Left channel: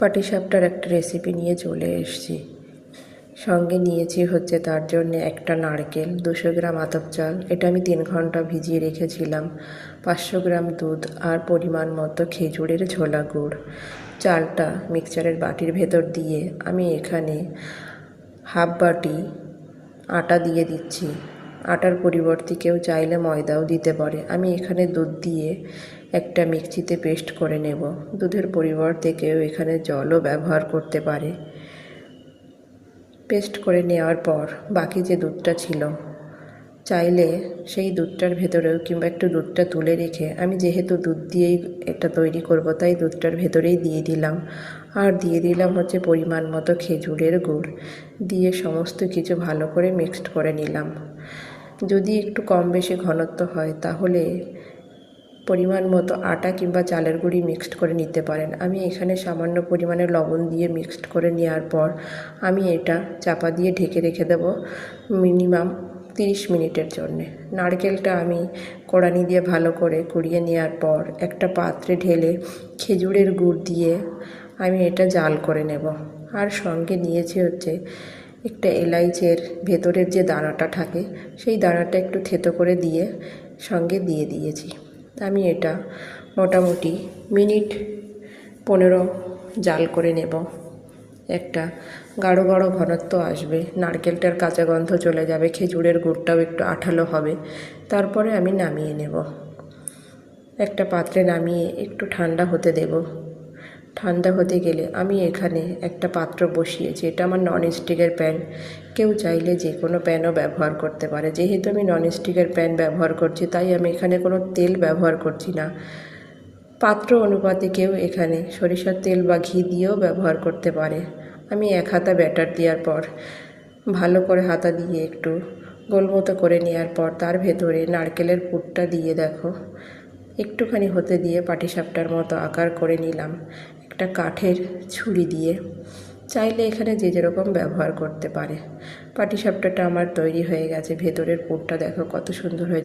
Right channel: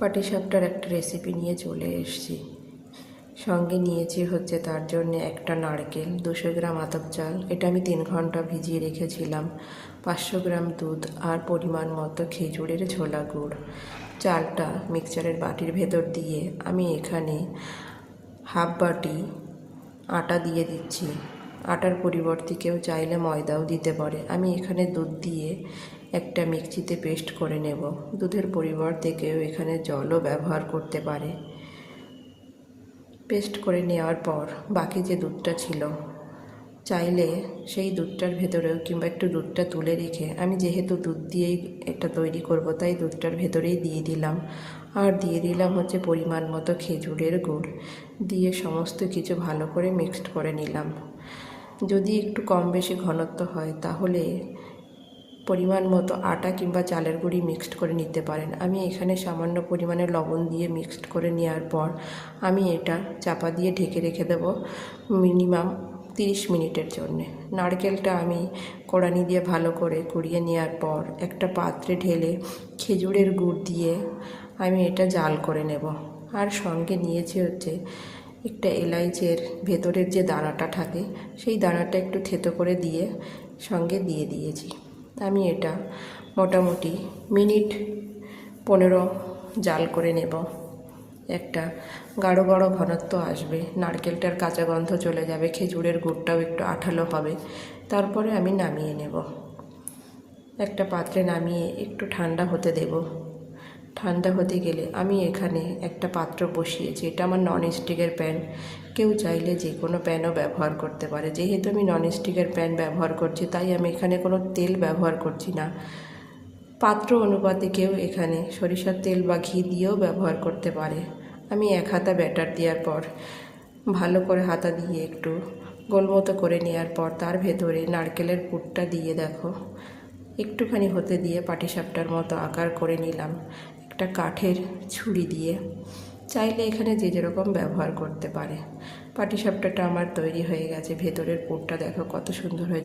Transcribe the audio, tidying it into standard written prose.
পাটিসাপটার একটা রেসিপি নিয়ে চলে এসেছি। সঙ্গে নিয়েছি হচ্ছে তার জন্য একটা নারকেল, 200 গ্রাম আতপ চাল, এটা আমি 3 ঘন্টা ভিজিয়ে রেখেছিলাম, 500 গ্রাম দুধ আর পরিমাণ মতো খেজুরের ঝোলা গুড়। চালটা মিক্সচারের বাটির ভেতর দিয়ে আমি এখানে হাফ বাটি আটা দিয়ে দিচ্ছি। আটার পরিবর্তে কেউ চাইলে ময়দাও দিতে পারে। আমি এখানে দুধ দিয়ে একটা মিক্সিতে পেস্ট করে নেব। দুধের পরিবর্তে কেউ এখানে জলও ব্যবহার করতে পারে। পেস্ট করে নেওয়ার পর বাকি যে দুধটা ছিল, চাইলে সেই দুধটার ভেতরেও কিংবা একটু দুধটা তুলে রেখে, আমি যেহেতু দুধ দিয়েই এটা তৈরি করব তাই দুধটার ভেতরেই দিয়ে দিলাম। আর দিয়ে দিলাম হচ্ছে পরিমাণ মতো খেজুরের গুড়, দিয়ে সমস্ত কিছু ভালো করে মিক্সড করে নিলাম। যদি একটু কম বেশি ঘনত্ব হয় তাহলে পরিমাণ মতো আটা কিংবা চালের গুঁড়ি মিক্সড করে নিতে পারেন। আমি এখানে সামান্য পরিমাণে লবণ দিয়ে মিক্সড করে নেওয়ার পর আমি এটা চাপা দিয়ে ঢেকে রেখে দেব মিনিমাম 30 মিনিটের জন্যে। নারকেলটা আমি কড়ানি দিয়ে ভালো করে কুড়িয়ে নেওয়ার পর একটা পাত্রে ঢেলে খেজুরের গুড় দিয়ে আমি এটা জাল করে নেব। আর সঙ্গে নিয়েছি হচ্ছে একটা এলাইচের ভেতরের যে দানাটা থাকে, সেই দানাটা একটু থেতো করে দিয়ে সঙ্গে দিয়ে দিয়েছি। আমি এটা মোটামুটি মিনিট 15 জাল করে নেব। একটা গাঢ় গাঢ় ঘনত্ব আসবে, নারকেলটার কাঁচা গন্ধ চলে যাবে, খেজুরের গুড়টাও একটু আঠালো হবে। তারপরে আমি নামিয়ে নেব। একটা পাত্রে নামিয়ে একটু ঠান্ডা হতে দেব। ঠান্ডা হতে গেলে আমি এখানে একটা পাত্র বসিয়েছি। এটা আমার ননস্টিকের প্যান, কেউ চাইলে যে কোনো প্যানও ব্যবহার করতে পারে। যেহেতু আমি ননস্টিকের প্যান ব্যবহার করছি তাই আমি এখানে কোনো তেল ব্যবহার করছি না। পাত্র অনুপাতে কেউ এখানে সরিষার তেল বা ঘি দিয়েও ব্যবহার করতে পারে। আমি 1 হাতা ব্যাটার দেওয়ার পর ভালো করে হাতা দিয়ে একটু গোলমতো করে নেওয়ার পর তার ভেতরে নারকেলের পুরটা দিয়ে দেখো একটুখানি হতে দিয়ে পাটিসাপটার মতো আকার করে নিলাম একটা কাঠের ছুরি দিয়ে। চাইলে এখানে যে যেরকম ব্যবহার করতে পারে। পাটিসাপটাটা আমার তৈরি হয়ে গেছে। ভেতরের পুরটা দেখো কত সুন্দর হয়েছে।